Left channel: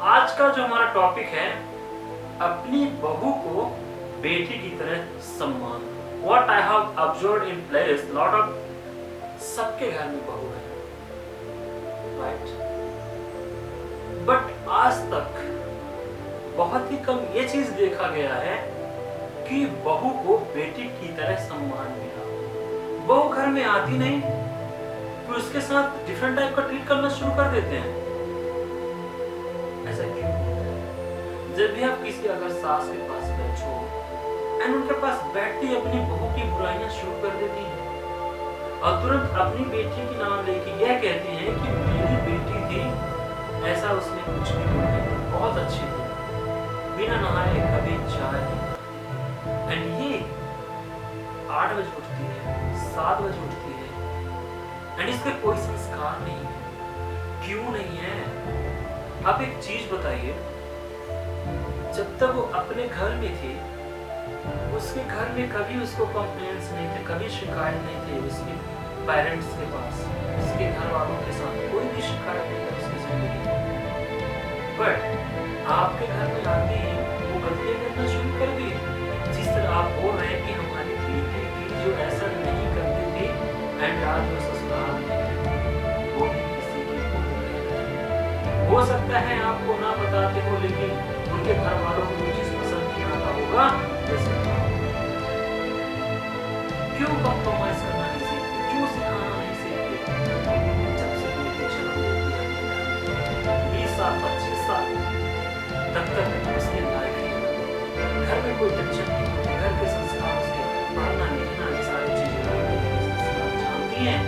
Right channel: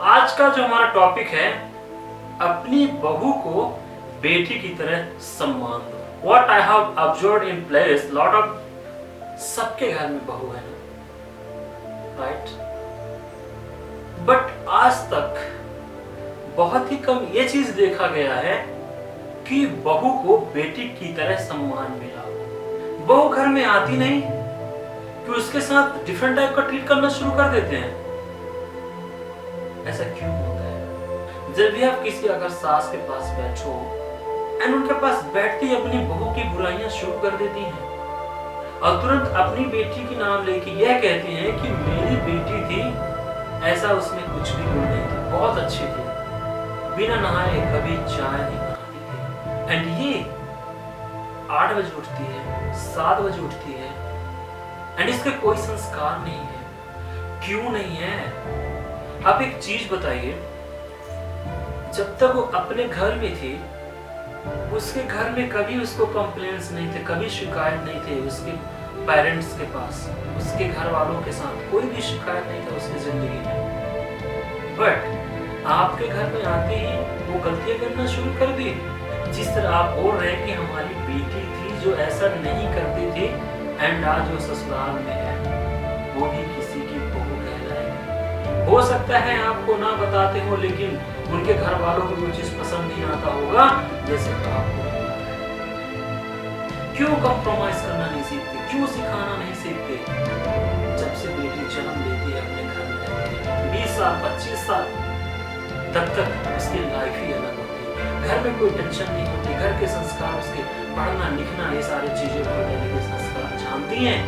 आज का जो हमारा टॉपिक है, अपनी बहू को बेटी की तरह सम्मान दो। What I have observed in place, lot of सबके घर में बहू है ना, राइट? बट आज तक बहुत ही कम ये चीज देखा गया है कि बहू को बेटी की तरह सम्मान मिला। बहू घर में आती नहीं कि उसके साथ डिफरेंट टाइप का ट्रीट करना शुरू कर देते हैं। ऐसा क्यों होता है? जब भी आप किसी अगर सास के पास बैठो एंड उनके पास बैठती ही अपनी बहू की बुराइयां शुरू कर देती हैं और तुरंत अपनी बेटी की नाम लेके यह कहती हैं कि मेरी बेटी थी, ऐसा उसमें कुछ भी गुण नहीं था, बहुत अच्छी थी, बिना नहाए कभी चाय नहीं बनाती थी। एंड ये 8 बजे उठती है, 7 बजे उठती है एंड इसके कोई संस्कार नहीं है। क्यों नहीं है? आप एक चीज बताइए, जब तक वो अपने घर में थी उसके घर में कभी उसको कंप्लेंट्स नहीं थे, कभी शिकायत नहीं थे उसके पेरेंट्स के पास, उसके घर वालों के साथ कोई भी शिकायत नहीं था उसकी जिंदगी में। बट आपके घर में आते ही वो गलतियां करना शुरू कर दी। जिस तरह आप बोल रहे हैं कि हमारी बेटी थी जो ऐसा नहीं करती थी एंड आज वो ससुराल में है, वो भी किसी की बहू कहलाएगी। हो सकता है आपको ना बताते हो, लेकिन उनके घर वालों को वो चीज पसंद नहीं आता होगा जैसे आपको नहीं आता है। क्यों कंप्रोमाइज करना नहीं सीखते? क्यों सिखाना नहीं सीखते? जब से बेटी जन्म लेती है अपने घर में 20 साल 25 साल तब तक उसकी लाइफ ही अलग होती है। घर में कोई टेंशन नहीं होती, घर के संस्कार उसके पढ़ना लिखना ये सारी चीजें वहां पहले के संस्कार जानती हैं,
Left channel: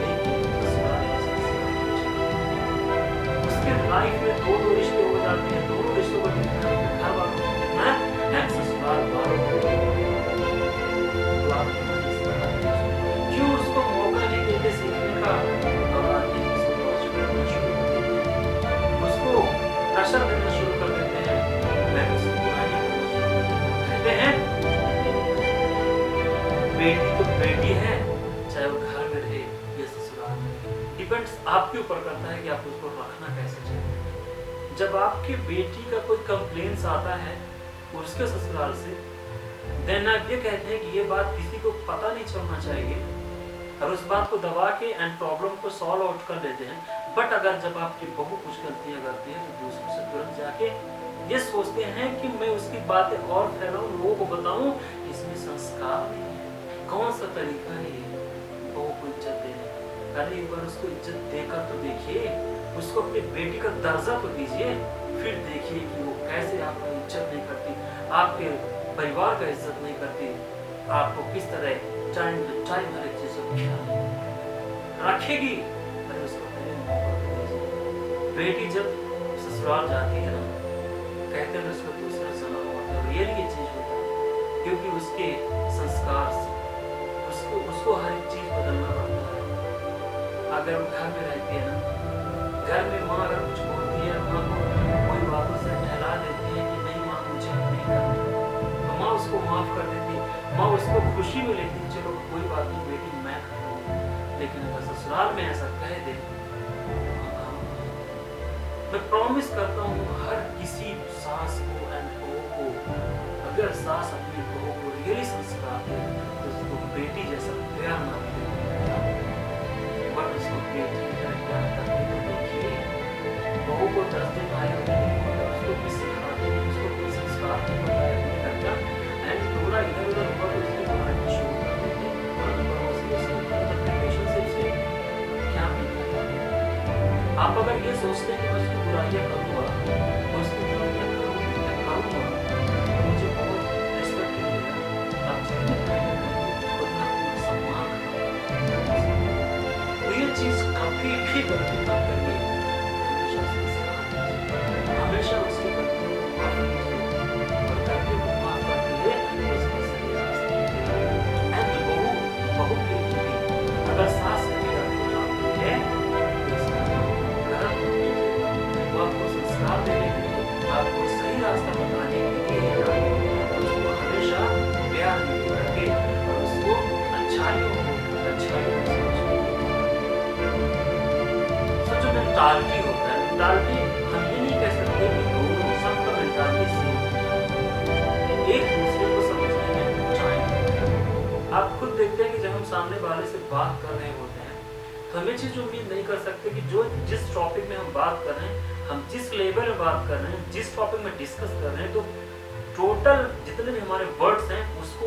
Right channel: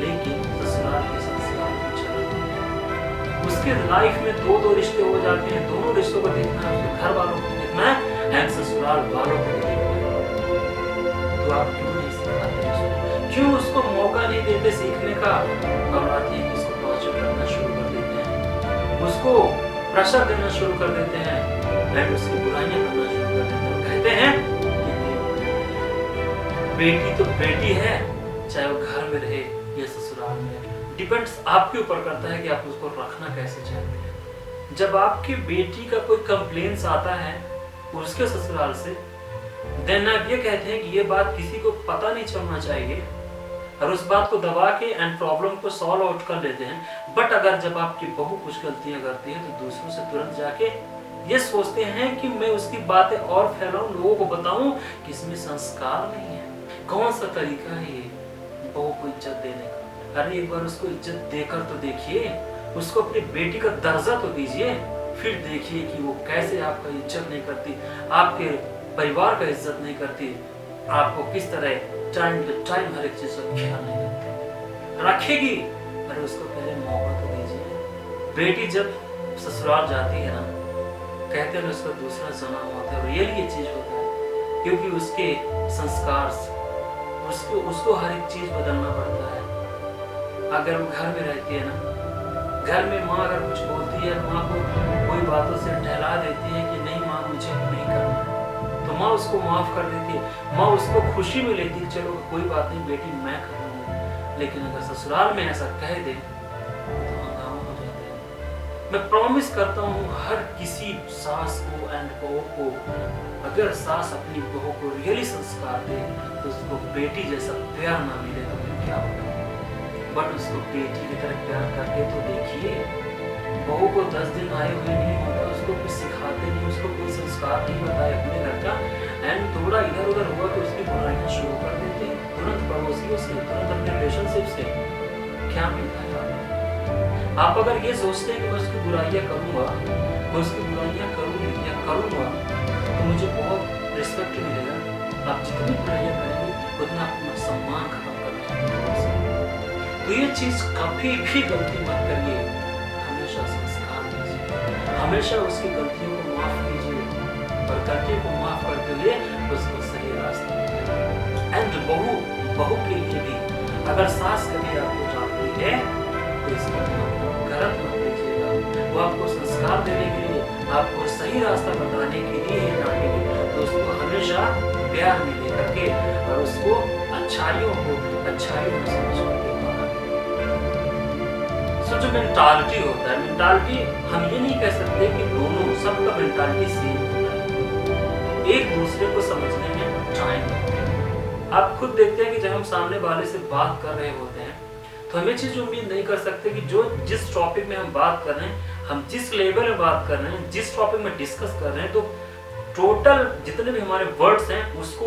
लेकिन ससुराल के संस्कार कुछ अलग होते हैं। उसके लाइफ में दो रिश्ते हो जाते हैं, दोनों रिश्तों को देखना है, उसके घर वालों को देखना है एंड ससुराल वालों को देखना है। तो आप क्यों नहीं सिखाते उसको? क्यों उसको मौका नहीं देते सीखने का? और आती है उसको टॉर्चर करना शुरू कर देते हैं, उसको प्रेशर देना शुरू कर देते हैं एंड उसकी बुराइयां करना शुरू कर देते हैं। कहते हैं बेटी तो बेटी है, चाहे वो घर में रहे या ससुराल में रहे। डिपेंड्स आपके ऊपर करता है कि आप उसको रखना कैसे चाहते हैं। जब आपकी बेटी का कोई कंप्लेंट्स आता है उसके ससुराल से, देन आप ये कहते हैं कि ये बात किसी को पता नहीं चलना चाहिए और उस बात को दबा के एंड प्रॉब्लम को सॉल्व आउट कर लेते हैं। बट अगर जब आपकी बहू कुछ गलतियां करती है तो दूसरों से तुरंत जाके ये सोचते हैं कि मैं उसकी बातें और फैलाऊं, लोगों को बताऊं कि इसमें संस्कार नहीं है। कौन सा तरीका है ये बहू को इज्जत देने का? अरे एक बार उसको इज्जत देकर तो देखिए, उसको अपनी बेटी का दर्जा तो दीजिए, फिर देखिए कि वो कैसे आपका इज्जत नहीं करती, आपके परिवार का इज्जत नहीं करती, आपको किस तरह टाइम टू टाइम हर एक चीज का ख्याल नहीं करती, रखेगी। अरे उसको पहले मौका तो दीजिए। बेटी जब ससुराल जाती है ना, कहते हैं उसका दूसरा जन्म होता है, रियली ये चीज होता है, क्योंकि उसके संस्कार उसको हर एक चीज बदलना पड़ता है। अगर वो घर में रहती है ना, घर में माँ अगर कुछ बोलती है, माँ को कोई बातों से टहला देती है कि नहीं माँ मुझे नहीं करना है, तो माँ उसको माफ कर देती है, माँ उसको खुशी में लेती है, चलो कोई बात नहीं बेटी मैं कर लूंगा। लेकिन अगर ससुराल में ऐसा कह दे तो हंगामा हो जाता है। मैं प्रॉमिस करता हूँ हर किसी सास को एंड बहू को, अगर सास अपनी बहू को रियली संस्कार दे तो उसको बेटी जैसा प्यार ना मिले तो क्या होगा? बट उसको बेटी की तरह प्यार करके तो देखिए। बहू को 10 दिन आए हुए नहीं होता, उसको कुछ सिखाते नहीं, उसको कोई संस्कार नहीं बताए अपने घर का एंड थोड़ा इधर उधर हुआ कि उसकी बुराइयां शुरू कर देते हैं, तुरंत पड़ोसियों से, तुरंत अपने रिलेशनशिप से। क्या मिलता है आपको? आप अगर ये सोचते हैं कि मैं उसकी बुराइयां करूंगा, मैं उसकी बुराइयां करूंगी या करूंगा तो मुझे बहुत रिस्पेक्ट मिलेगा, आप जितनी बुराइयां करेंगे उतना अपना सम्मान खत्म करना है। तो ये चीज कभी भी गलती मत करिए, हमेशा संस्कार दीजिए, हमेशा उसकी गलतियों को माफ कीजिए और गलतियों को माफ करते हुए उसको सही रास्ते बताइए। एंड बहू के लिए भी अगर सास कभी आपको डांटती है तो इसको गलत मत लीजिएगा। वो आपको संस्कार देने के लिए, आपको सही रास्ता बताने के लिए ही डांटेगी, तो उसको हमेशा प्यार में लेकर के और उसको अच्छाइयों में समझ करके माना। सो तो जो मेंटालिटी होता है, मेंटालिटी हम ये नहीं कह सकते कि दोनों सबका मेंटालिटी सेम होता है। एक दूसरे को समझने में टाइम लगता है। आप खुद देखते हैं कि जब हम सामने वाले से बात कर रहे होते हैं तो हम ये चीज़ उम्मीद नहीं कर सकते कि जो जिस टॉपिक में हम बात कर रहे हैं, हम जिस लेवल में बात कर रहे हैं, जिस टॉपिक में डिस्कस कर रहे हैं, तो टोटल जितने भी हमारे वर्ड्स हैं उसको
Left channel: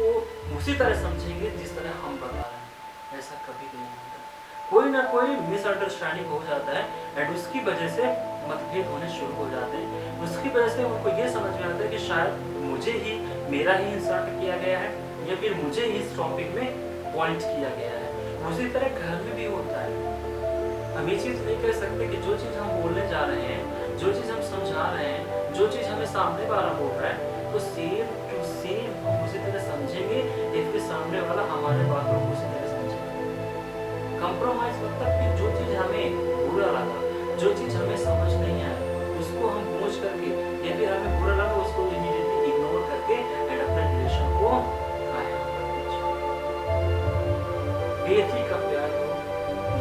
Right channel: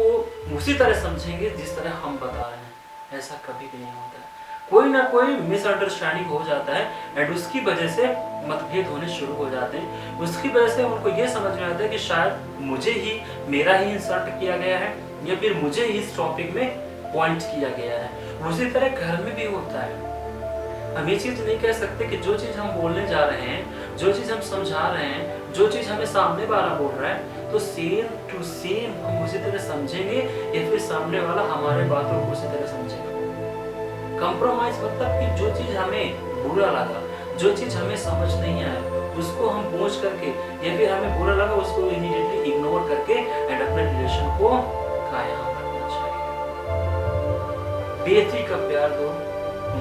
उसी तरह समझेंगे जिस तरह हम बता रहे हैं। ऐसा कभी भी नहीं होता है। कोई ना कोई मिसअंडरस्टैंडिंग हो जाता है एंड उसकी वजह से मतभेद होने शुरू हो जाते हैं। उसकी वजह से उनको ये समझ में आता है कि शायद मुझे ही मेरा ही इंसल्ट किया गया है या फिर मुझे ही इस टॉपिक में पॉइंट किया गया है। उसी तरह घर में भी होता है। हम ये चीज़ नहीं कह सकते कि जो चीज़ हम बोलने जा रहे हैं, जो चीज़ हम समझा रहे हैं, जो चीज़ हमें सामने वाला बोल रहा है, तो सेम टू सेम हम उसी तरह समझेंगे या फिर सामने वाला हमारे बातों को उसी तरह समझेगा। कंप्रोमाइज मतलब कि जो चीज़ हमें बुरा लगा, जो चीज़ हमें समझ नहीं आया, उसको हम पूछ करके या फिर हमें बुरा लगा उसको इमीडिएटली इग्नोर करके एंड अपने रिलेशन को कायम रखना चाहिए। बेटी का प्यार दो,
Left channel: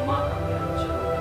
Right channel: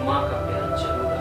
माँ का प्यार जरूर